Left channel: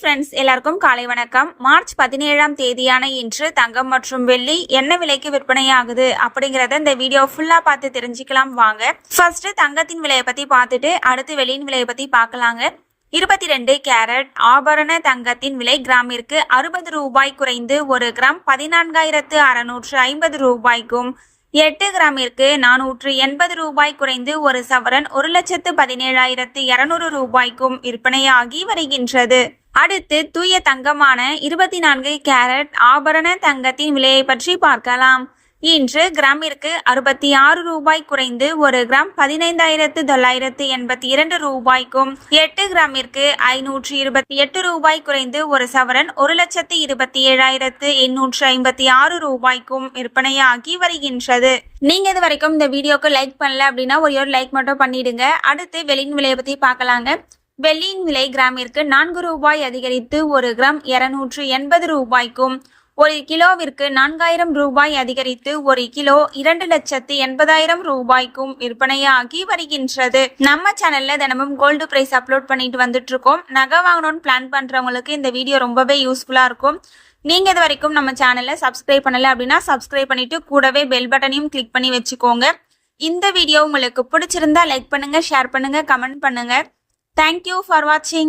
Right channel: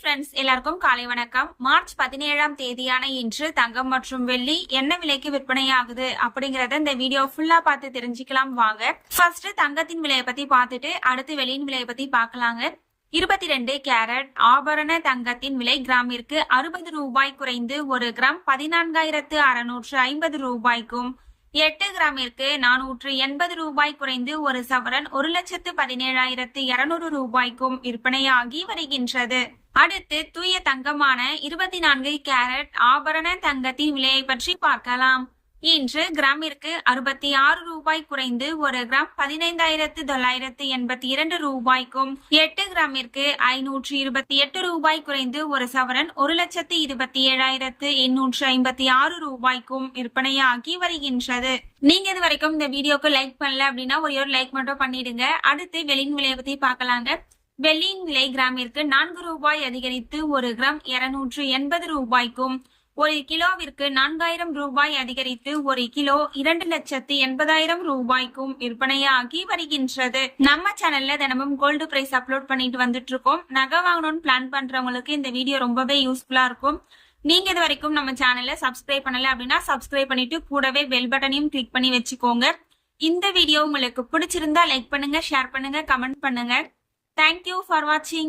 Friends, எல்லாருக்கும் காலை வணக்கம். மார்ச் 17ஆம் தேதியான இன்று தங்கம் மற்றும் வெள்ளி என்ன விலைக்கு விற்பனையாகுது அப்படிங்கறத இந்த வீடியோ ஃபுல்லா பார்த்து தெரிஞ்சுக்கலாம் வாங்க. ஃபர்ஸ்ட் தங்கத்தின் விலையை பத்தி பார்த்துட்டு அடுத்து வெள்ளியின் விலையை பத்தி பார்க்கலாங்க. 22 கேரட் ஆபரண தங்கத்தின் விலை கிராமிற்கு 60 ரூபாய் குறைந்து 1 கிராம் 14,650 ரூபாய்க்கும், 8 கிராமிற்கு 480 ரூபாய் குறைந்து 1 சவரன் 1,17,200 ரூபாய்க்கும் விற்பனையாகி வருகின்றது. அடுத்து தூய தங்கமான 24 கேரட் ஆபரண தங்கத்தின் விலையை பற்றி பார்க்கலாம். இன்று கிராமிற்கு 66 ரூபாய் குறைந்து 1 கிராம் 15,982 ரூபாய்க்கும், 8 கிராமிற்கு 528 ரூபாய் குறைந்து 1 சவரன் 1,27,856 ரூபாய்க்கும் விற்பனையாகி வருகின்றது. நீங்க இது வரைக்கும் இந்த வீடியோக்கு லைக் பண்ணல அப்படின்னா ஒரு லைக் மட்டும் பண்ணிடுங்க. அடுத்து வெள்ளியின் விலையை பத்தி பார்க்கலாங்க. வெள்ளியின் விலை கிராமிற்கு 4 ரூபாய் அதிகரித்து 1 கிராம் 280 ரூபாய்க்கும், 1 கிலோவிற்கு 4000 ரூபாய் அதிகரித்து 1 கிலோ 2,80,000 ரூபாய்க்கும் விற்பனையாகி வருகின்றது. நம்ம சேனல்ல தினமும் கோல்டு பிரைஸ் அப்லோட் பண்ணிட்டு வந்துட்டு இருக்கோம். நகை வாங்கணும்னு பிளான் பண்றவங்களுக்கு இந்த வீடியோ ரொம்பவே யூஸ்ஃபுல்லா இருக்கும். நீங்க இது வரைக்கும் நம்ம சேனலை சப்ஸ்கிரைப் பண்ணல அப்படின்னா சப்ஸ்கிரைப் பண்ணிட்டு கூடவே பெல் பட்டனையும் கிளிக் பண்ணி வச்சுக்கோங்க. இந்த வீடியோ உங்களுக்கு பிடிச்சிருந்தா லைக் பண்ணுங்க, ஷேர் பண்ணுங்க, கமெண்ட் பண்ணுங்க. Thank you for watching.